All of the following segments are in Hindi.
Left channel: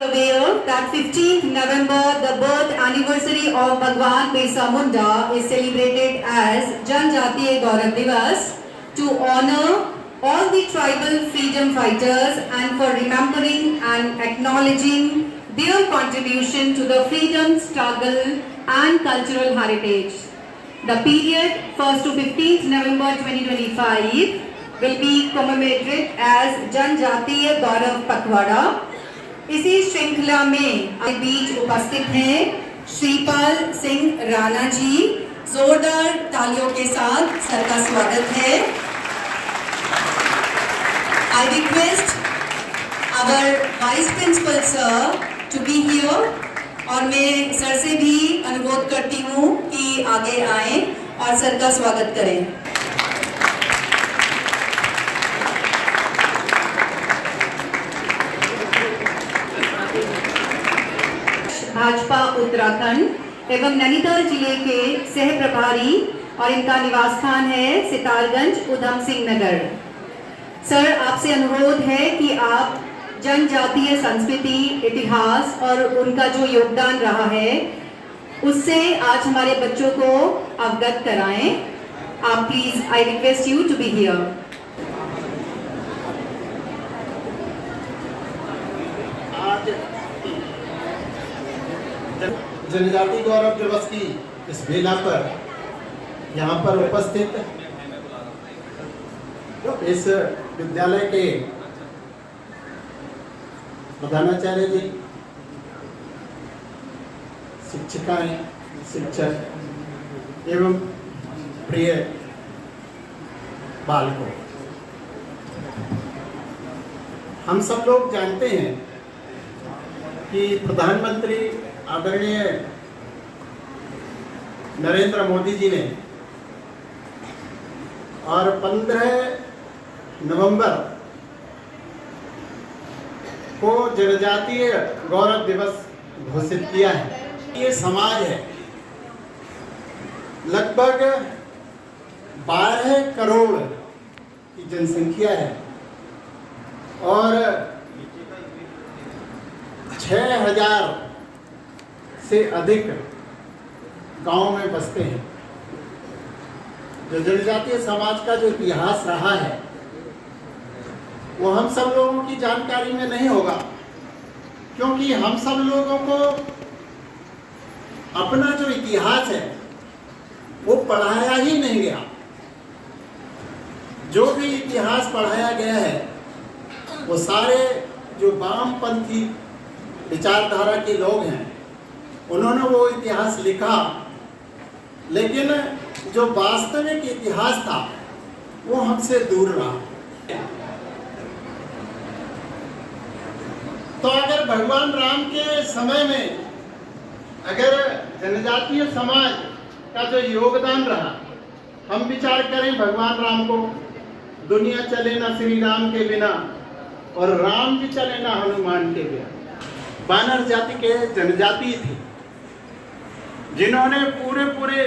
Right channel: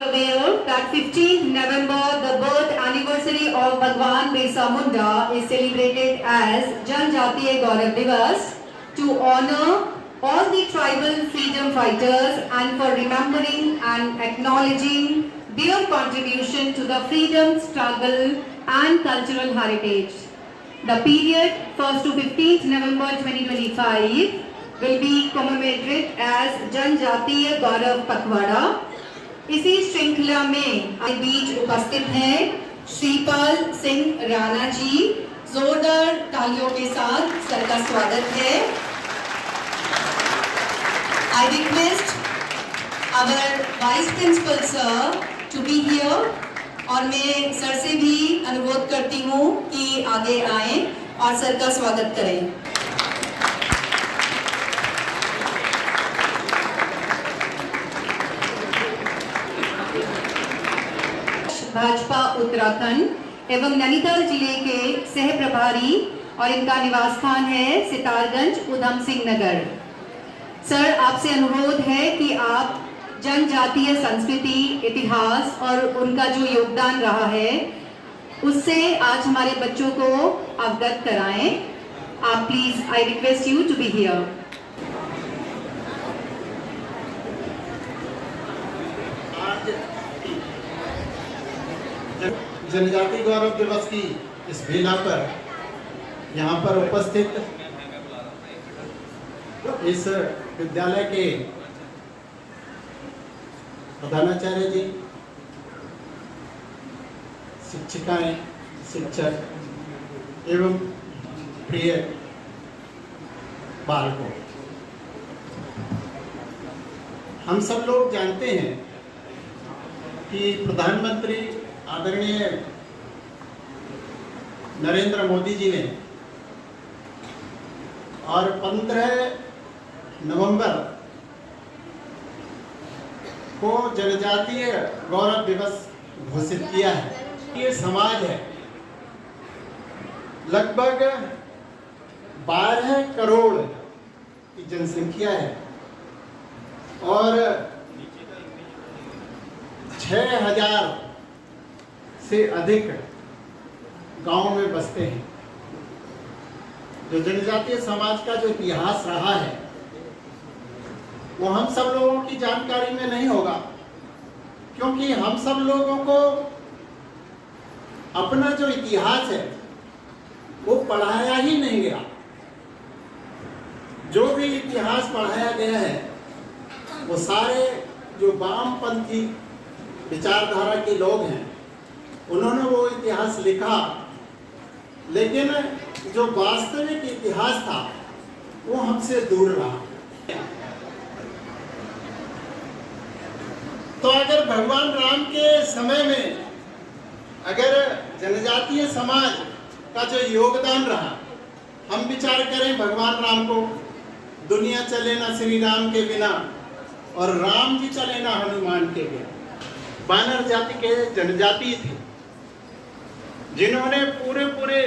Aware that 15th November, the birth anniversary of Bhagwan Birsa Munda is celebrated as Janjatiya Gaurav Divas to honor all the tribal freedom fighters and for remembering and acknowledging their contribution to the freedom struggle and cultural heritage. The period 1st to 15th November 2025 will be commemorated as Janjatiya Gaurav Pakhwada. इसी श्रृंखला में आज बीच उपस्थित हैं श्रीपाल सिंह राणा जी। जोरदार तालियों के साथ सर का स्वागत है। I request our Vice Principal sir to be here और मैं सर से भी अनुरोध करती हूँ कि आगे आएं और सर का स्वागत करें। भाजपा उत्तराखंड एवं नैनीताल जिले के सह प्रभारी और इनका निवास स्थान है सितारगंज उधम सिंह नगर। सर, आपसे अनुरोध है कि आप जनजातीय संस्कृति, इतिहास और उनका जो योगदान रहा है उससे आज हमारे बच्चों को अवगत कराएं। आप please, I request you to be here. जनजाति गौरव दिवस की इस बेला पर यहाँ पर उपस्थित इस विद्यालय के प्रधानाचार्य जी, शिक्षिकाएं, शिक्षक एवं प्रिय बालकों, हम सब लोग जानते हैं कि प्रधानमंत्री आदरणीय नरेंद्र मोदी जी ने और 15 नवंबर को जनजातीय गौरव दिवस घोषित किया है। ये समाज है, लगभग 12 करोड़ की जनसंख्या है और 6000 से अधिक गांव में बसते हैं। जो जनजातीय समाज का जो इतिहास रहा है वो हम सब लोगों की जानकारी में नहीं होगा, क्योंकि हम सब लोगों को अपना जो इतिहास है वो पढ़ाया ही नहीं गया। जो भी इतिहास पढ़ाया गया है वो सारे जो वामपंथी विचारधारा के लोग हैं उन्होंने वो इतिहास लिखा, लेकिन जो वास्तविक इतिहास था वो हमसे दूर रहा। तो अगर भगवान राम के समय में अगर जनजातीय समाज का जो योगदान रहा, हम विचार करें भगवान राम को, दुनिया चले ना श्री राम के बिना और राम जी चले ना हनुमान के बिना। वानर जाति के जनजाति थे जिन्होंने पूरे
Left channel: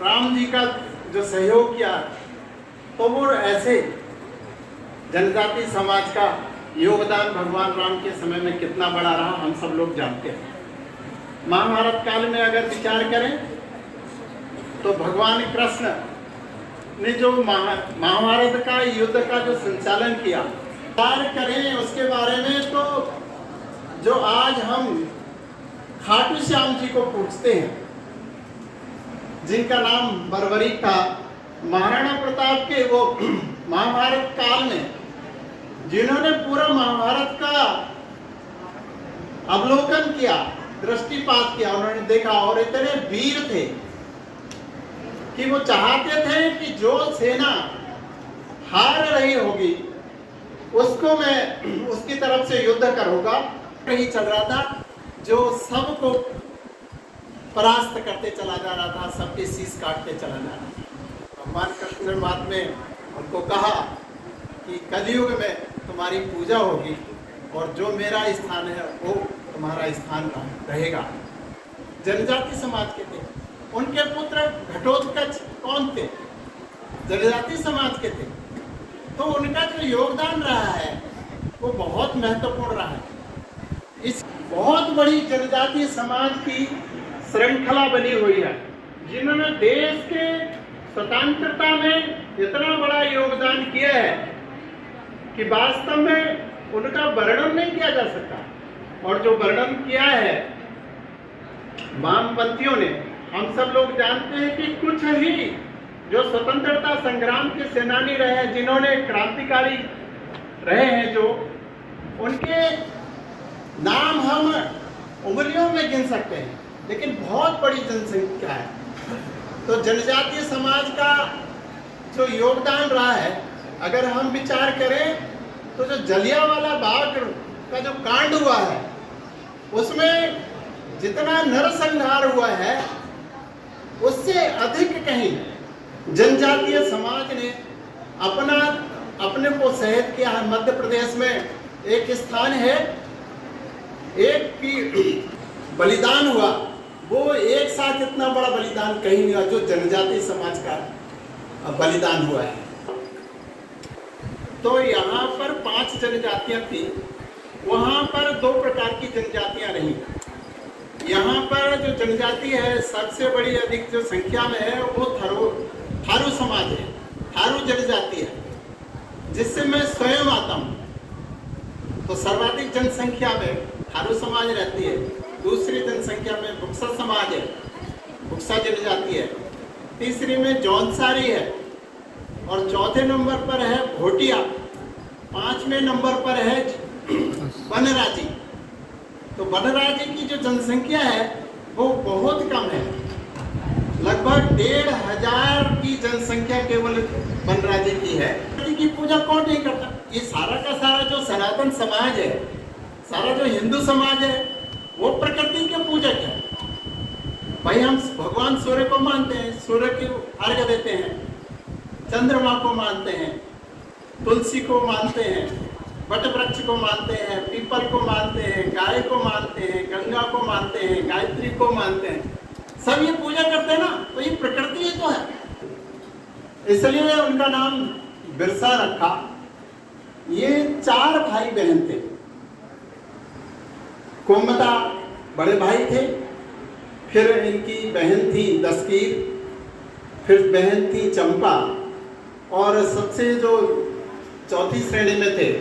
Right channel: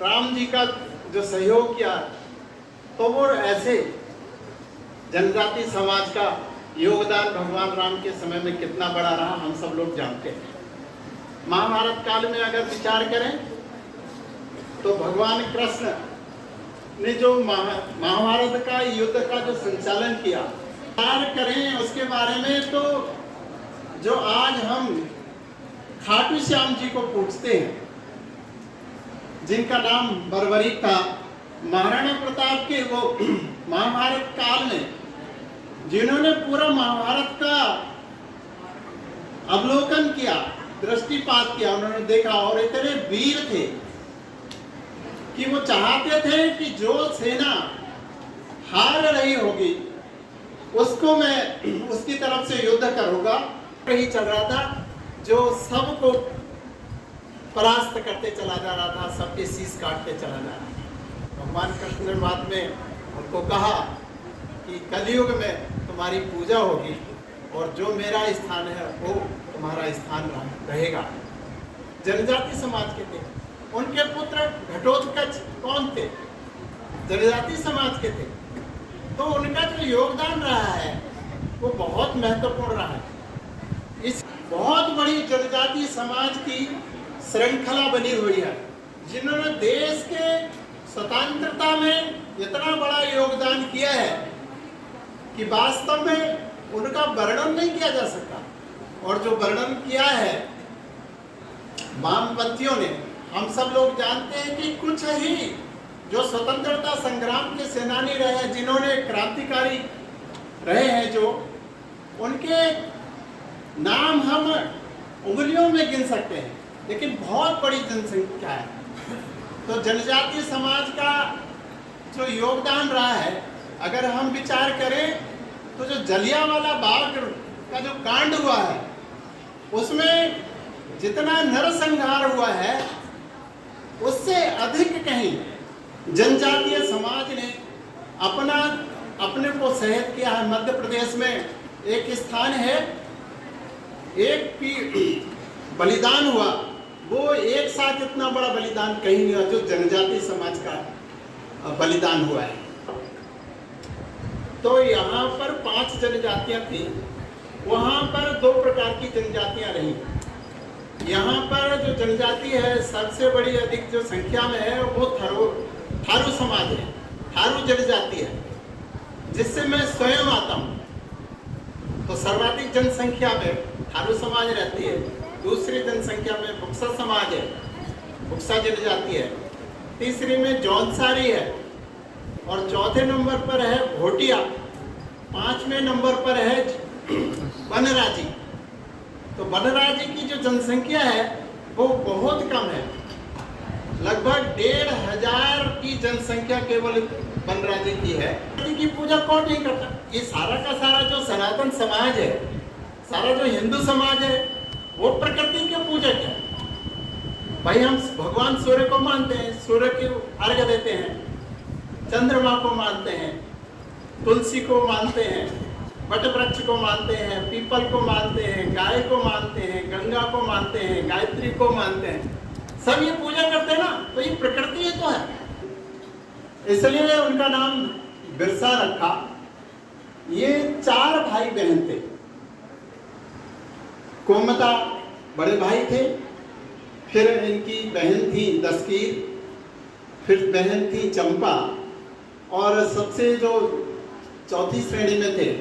राम जी का जो सहयोग किया, तो वो ऐसे जनजाति समाज का योगदान भगवान राम के समय में कितना बड़ा रहा हम सब लोग जानते हैं। महाभारत काल में अगर विचार करें तो भगवान कृष्ण ने जो महाभारत का युद्ध का जो संचालन किया, विचार करें उसके बारे में, तो जो आज हम खाटू श्याम जी को पूछते हैं, जिनका नाम बर्बरी का, महाराणा प्रताप के वो महाभारत काल में जिन्होंने पूरा महाभारत का अवलोकन किया, दृष्टिपात किया, उन्होंने देखा और इतने वीर थे कि वो चाहते थे कि जो सेना हार रही होगी उसको मैं उसकी तरफ से युद्ध करूंगा। ही चल रहा था, जो सबको परास्त करते चला जा रहा था, सबके शीश काटते चला जा रहा था। भगवान कृष्ण ने बाद में उनको कहा कि कलयुग में तुम्हारी पूजा होगी और जो मेरा स्थान है वो तुम्हारा स्थान रहेगा। जनजाति समाज के थे, उनके पुत्र घटोत्कच कौन थे? जनजाति समाज के थे। तो उनका जो योगदान रहा है वो बहुत महत्वपूर्ण रहा है। इस बहुत बड़ी जनजातीय समाज की श्रृंखला बनी हुई है, जिन्होंने देश के स्वतंत्रता में इतना बड़ा योगदान किया है कि वास्तव में उनका वर्णन नहीं किया जा सकता। और जो वर्णन किया है वामपंथियों ने, हम सब लोग जानते हैं कि कुछ ही जो स्वतंत्रता संग्राम के सेनानी रहे हैं, जिन्होंने क्रांतिकारी रहे हैं, जो उनके नाम हम उंगलियों में गिन सकते हैं, लेकिन बहुत बड़ी जनसंख्या है। तो जनजातीय समाज का जो योगदान रहा है, अगर हम विचार करें तो जो जलियांवाला बाग का जो कांड हुआ है, उसमें जितना नरसंहार हुआ है, उससे अधिक कहीं जनजातीय समाज ने अपने को शहीद किया है। मध्य प्रदेश में एक स्थान है, एक की बलिदान हुआ, वो एक साथ इतना बड़ा बलिदान कहीं नहीं हुआ जो जनजातीय समाज का बलिदान हुआ है। तो यहाँ पर 5 जनजातियां थी, वहां पर 2 प्रकार की जनजातियां रही। यहाँ पर जो जनजाति है सबसे बड़ी अधिक जो संख्या में है वो थारू समाज है, थारू जनजाति है, जिससे मैं स्वयं आता हूँ। तो सर्वाधिक जनसंख्या में थारू समाज रहती है, दूसरी जनसंख्या में बुक्सा समाज है, बुक्सा जनजाति है, तीसरी में जौनसारी है, और चौथे नंबर पर है भोटिया, 5वें नंबर पर है बनराजी। तो बनराजी की जो जनसंख्या है वो बहुत कम है, लगभग 1500 की जनसंख्या केवल बनराजी की है। की पूजा कौन नहीं करता? ये सारा का सारा जो सनातन समाज है, सारा जो हिंदू समाज है, वो प्रकृति के पूजक है। भाई हम भगवान सूर्य को मानते हैं, सूर्य की अर्घ्य देते हैं, चंद्रमा को मानते हैं, तुलसी को मानते हैं, वट वृक्ष को मानते हैं, पीपल को मानते हैं, गाय को मानते हैं, गंगा को मानते हैं, गायत्री को मानते हैं, सब ये पूजा करते हैं ना। तो ये प्रकृति ही तो है, इसलिए उनका नाम बिरसा रखा। ये 4 भाई बहन थे। कोमता बड़े भाई थे, फिर इनकी बहन थी दस्कीर, फिर बहन थी चंपा, और सबसे जो चौथी श्रेणी में थे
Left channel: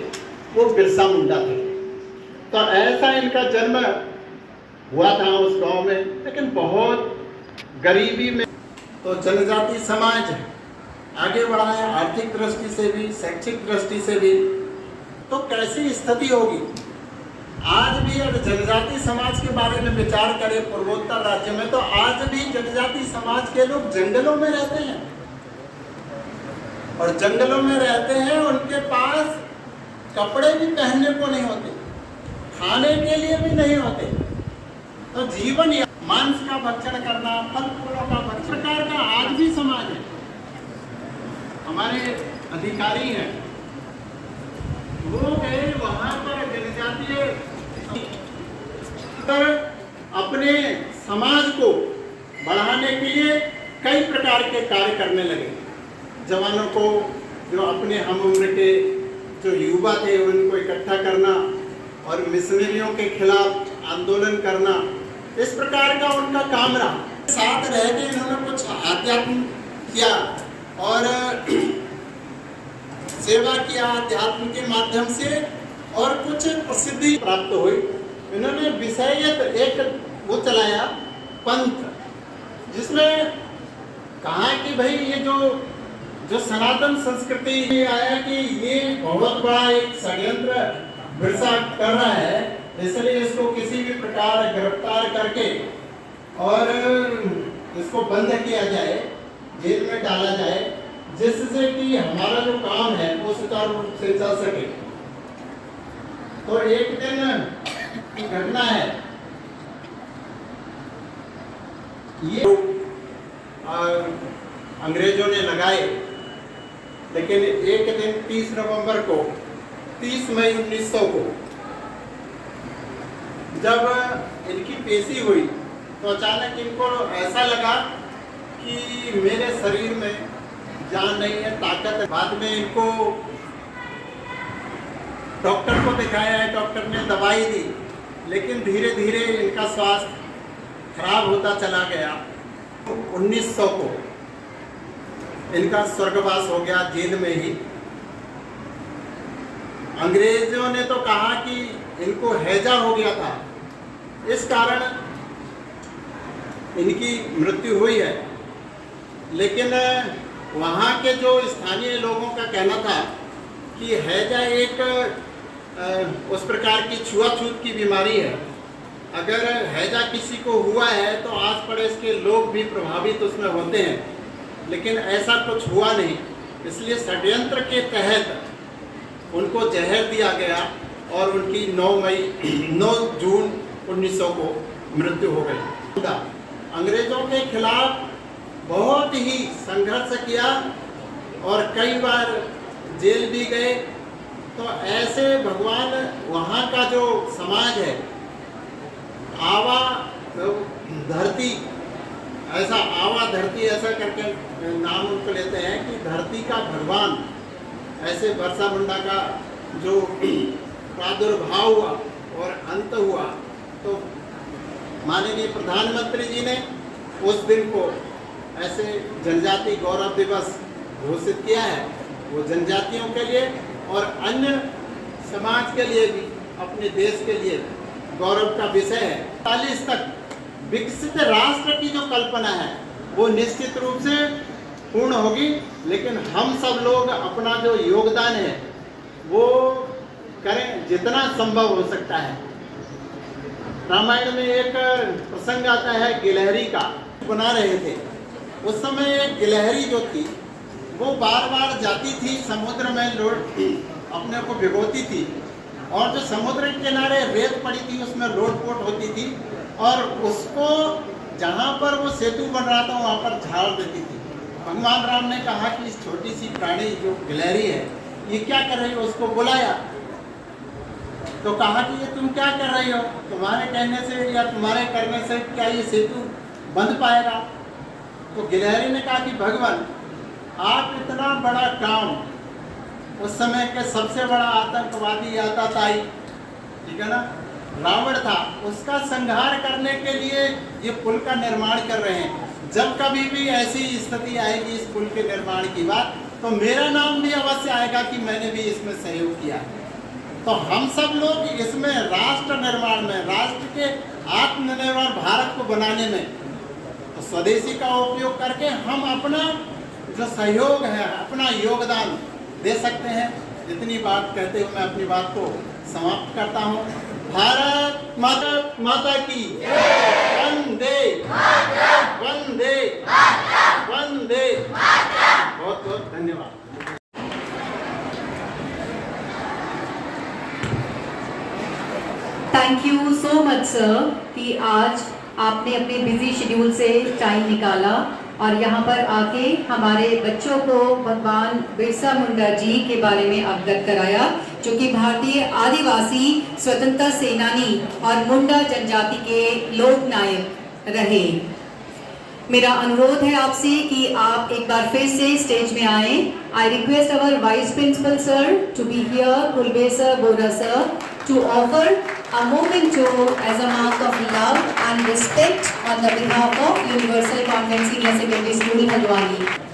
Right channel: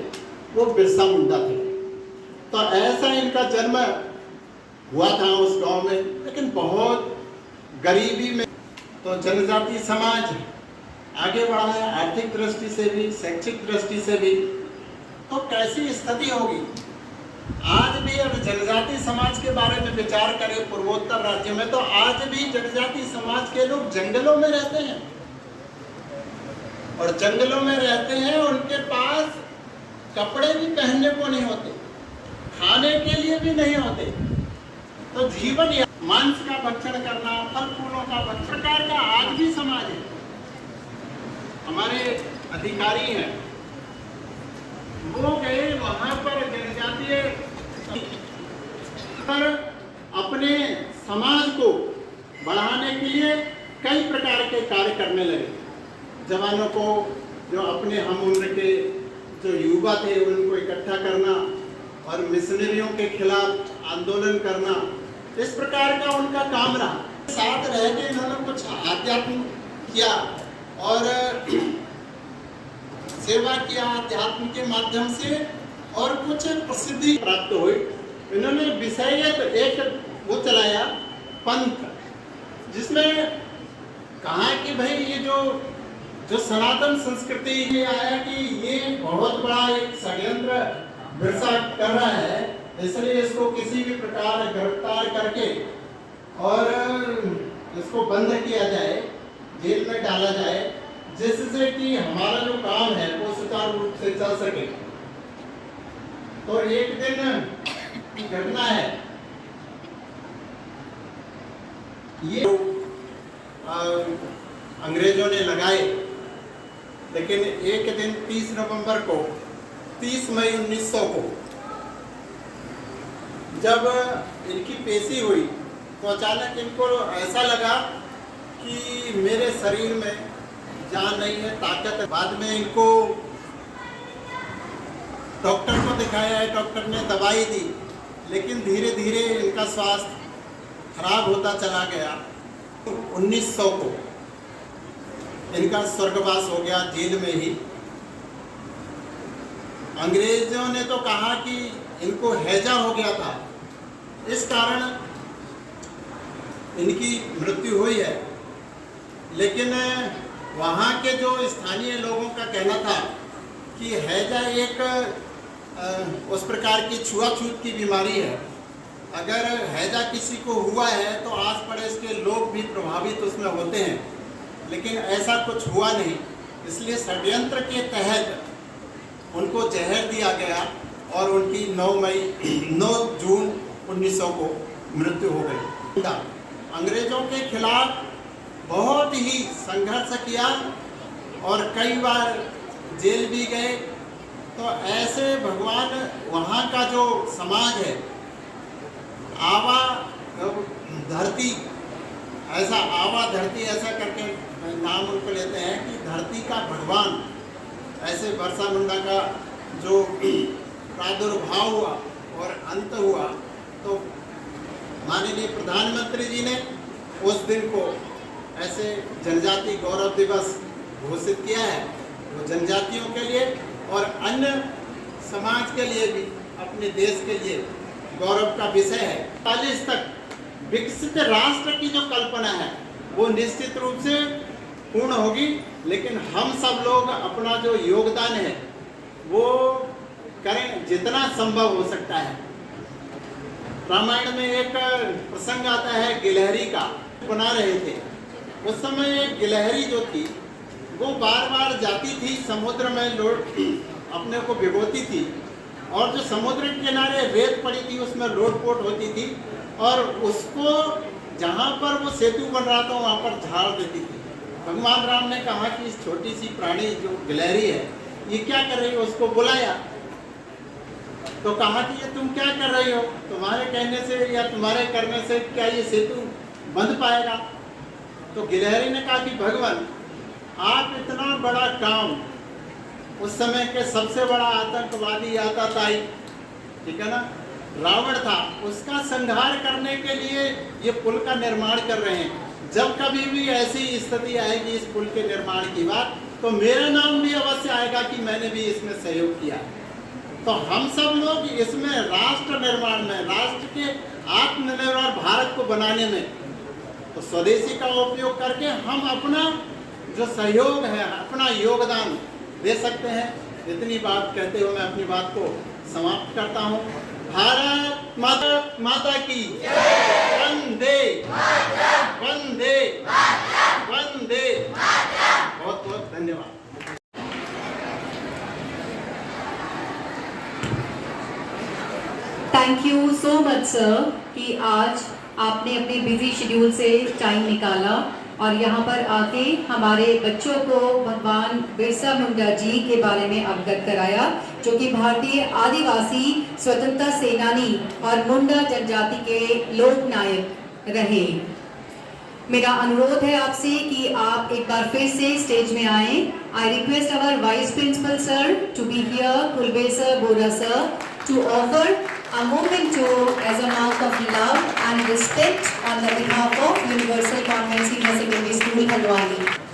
वो बिरसा मुंडा थे। तो ऐसा इनका जन्म हुआ था उस गांव में, लेकिन बहुत गरीबी में। तो जनजाति समाज आगे बढ़ा है, आर्थिक दृष्टि से भी, शैक्षिक दृष्टि से भी। तो कैसी स्थिति होगी आज भी? अगर जनजाति समाज के बारे में विचार करें पूर्वोत्तर राज्य में, तो आज भी जनजाति समाज के लोग जंगलों में रहते हैं, और जंगलों में रहते हैं, उनके पास कपड़े भी पहनने को नहीं होते, खाने के लिए भी नहीं होते। तो जीवन मांस का भक्षण करना, फल फूलों का भक्षण का आज भी समाज है। हमारे अधिकारी हैं, वो गए वहां पर जनजातीय पर अपने समाज को बढ़ाने के लिए कई प्रकार के कार्य करने लगे। जवानों को, जो अपने हम उम्र के जो युवा थे, उनको इकट्ठा करना और मिशनरियों के खिलाफ आंदोलन करना, इस प्रकार का उनका काम रहा। साथ रह के इन्होंने कुछ अध्यात्म किया और सेवा किया अध्यात्म के माध्यम से, और कुछ प्रसिद्धि प्राप्त हुई। इन्होंने विषयत एक वो चलाया पंथ, जिसमें कहा कि भाई ये जो सनातन संस्कृति ये आया कि ये बहुत बड़ा एक षड्यंत्र बिरसा कर रहा है, इसलिए इसको किसी भी प्रकार गिरफ्तार करके और इसको बंद किया जाए, जेल में डाला जाए, जिससे कि हमारा जो काम है वो सुचारू रूप से चल सके। तो एक दिन की घटना है, ये अंग्रेजों ने लगाए, लेकिन एक दिन 30 नवंबर को, 30 मई 1900 को जब इनकी पेशी हुई, तो अचानक इनको ऐसा लगा कि मेरे शरीर में जान नहीं है, ताकत है। बाद में इनको डॉक्टर को दिखाया है, डॉक्टर ने दवाई दी, लेकिन धीरे धीरे इनका स्वास्थ्य खराब होता चला गया। 1900 को इनका स्वर्गवास हो गया जेल में ही। अंग्रेजों ने तो कहा कि इनको हैजा हो गया था, इस कारण इनकी मृत्यु हुई है। लेकिन वहाँ के जो स्थानीय लोगों का कहना था कि हैजा एक उस प्रकार की छुआछूत की बीमारी है। अगर हैजा किसी को हुआ है तो आस पड़ोस के लोग भी प्रभावित उसमें होते हैं, लेकिन ऐसा कुछ हुआ नहीं। इसलिए षड्यंत्र के तहत उनको जहर दिया गया और उनकी 9 जून 1900 को मृत्यु हो गई। अंग्रेजों के खिलाफ बहुत ही संघर्ष किया और कई बार जेल भी गए। तो ऐसे भगवान वहाँ का जो समाज है, आवा धरती, आवा धरती ऐसा करके नाम उनको लेते हैं कि धरती का भगवान, ऐसे बिरसा मुंडा का जो प्रादुर्भाव हुआ और अंत हुआ, तो माननीय प्रधानमंत्री जी ने उस दिन को ऐसे जनजाति गौरव दिवस घोषित किया है। वो जनजातियों के लिए और अन्य समाज के लिए भी, अपने देश के लिए गौरव का विषय है। 40 तक विकसित राष्ट्र की जो कल्पना है वो निश्चित रूप से पूर्ण होगी, लेकिन हम सब लोग अपना जो योगदान है वो करें जितना संभव हो सकता है। रामायण में एक प्रसंग आता है गिलहरी का, बना रहे थे। उस समय एक गिलहरी जो थी वो बार बार जाती थी समुद्र में, अपने को भिगोती थी, और जो समुद्र के किनारे रेत पड़ी थी उसमें लोटपोट होती थी, और उसको जहाँ पर वो सेतु बन रहा था वहाँ पर झाड़ देती थी। भगवान राम ने कहा कि इस छोटी सी प्राणी जो गिलहरी है ये क्या कर रही है, उसको बुलाया। तो कहा कि ये तुम क्या कर रही हो, तुम्हारे कहने से या तुम्हारे करने से क्या ये सेतु बंध पाएगा। तो गिलहरी ने कहा कि भगवान, आप इतना बड़ा काम, उस समय के सबसे बड़ा आतंकवादी आताताई, ठीक है ना, रावण था, उसका संहार करने के लिए ये पुल का निर्माण कर रहे हैं। जब कभी भी ऐसी स्थिति आएगी इस पुल के निर्माण की बात, तो मेरा नाम भी अवश्य आएगा कि मैंने भी इसमें सहयोग किया। तो हम सब लोग इसमें राष्ट्र निर्माण में, राष्ट्र के आत्मनिर्भर भारत को बनाने में, तो स्वदेशी का उपयोग करके हम अपना जो सहयोग है, अपना योगदान दे सकते हैं। इतनी बात कहते हुए मैं अपनी बात को समाप्त करता हूँ। भारत माता की वंदे वंदे वंदे। बहुत बहुत धन्यवाद। Thank you so much sir कि आज आपने अपने बिजी शेड्यूल से टाइम निकाला और यहाँ पर आके हमारे बच्चों को भगवान बिरसा मुंडा जी के बारे में अवगत कराया, जो कि भारतीय आदिवासी स्वतंत्रता सेनानी और मुंडा जनजाति के लोक नायक रहे। मेरा अनुरोध है आपसे कि आप एक बार फिर से स्टेज में आए। I request our vice principal sir to be here, Kulbe sir, Bora sir, to offer a memento as a mark of love and respect on the behalf of Universal Convent Senior Secondary School, Haldwani.